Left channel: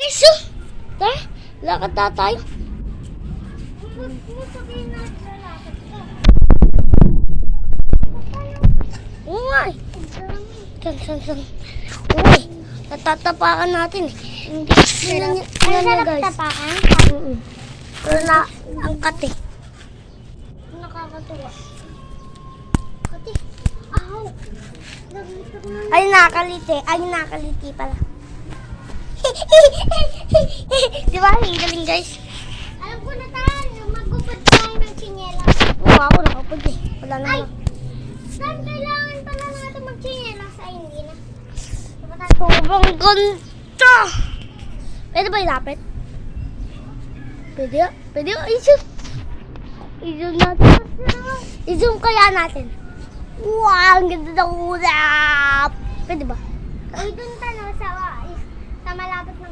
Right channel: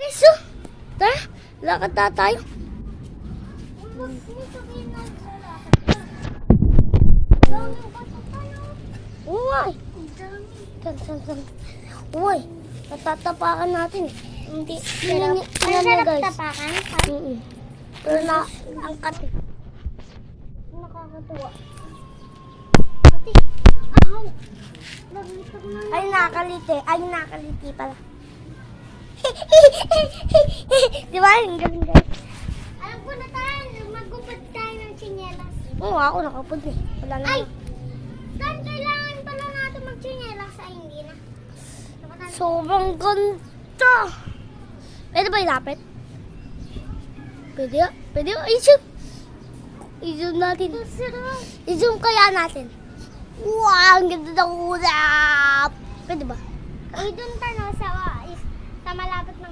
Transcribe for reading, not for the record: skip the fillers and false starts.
Iso! Tara, lakad na tayo. Oo nga eh. San. Uy, natatapakan natin eh. Hindi Sarap tapakan? Pero naangkat eh. Nakakatuwa. Ay, nakaliti. Ay, nakaliti pala. Di ba? Ang galing, guys. Alam ko na tayo, magupad tayo ng tsinelas. Oo, ako nakapag eh. Wala na Ay! lang. Saan kailangan pala natin mag-tsinelas? Ay, hindi na. Sobrang ganda. Pwede ba ilapit? Pwede ya? Pwede ya? I-zoom. I-zoom natin. I-zoom kaya natin. Wow, ang ganda ng ulap. Pwede ba? Ay, dun tayo sa malapit ng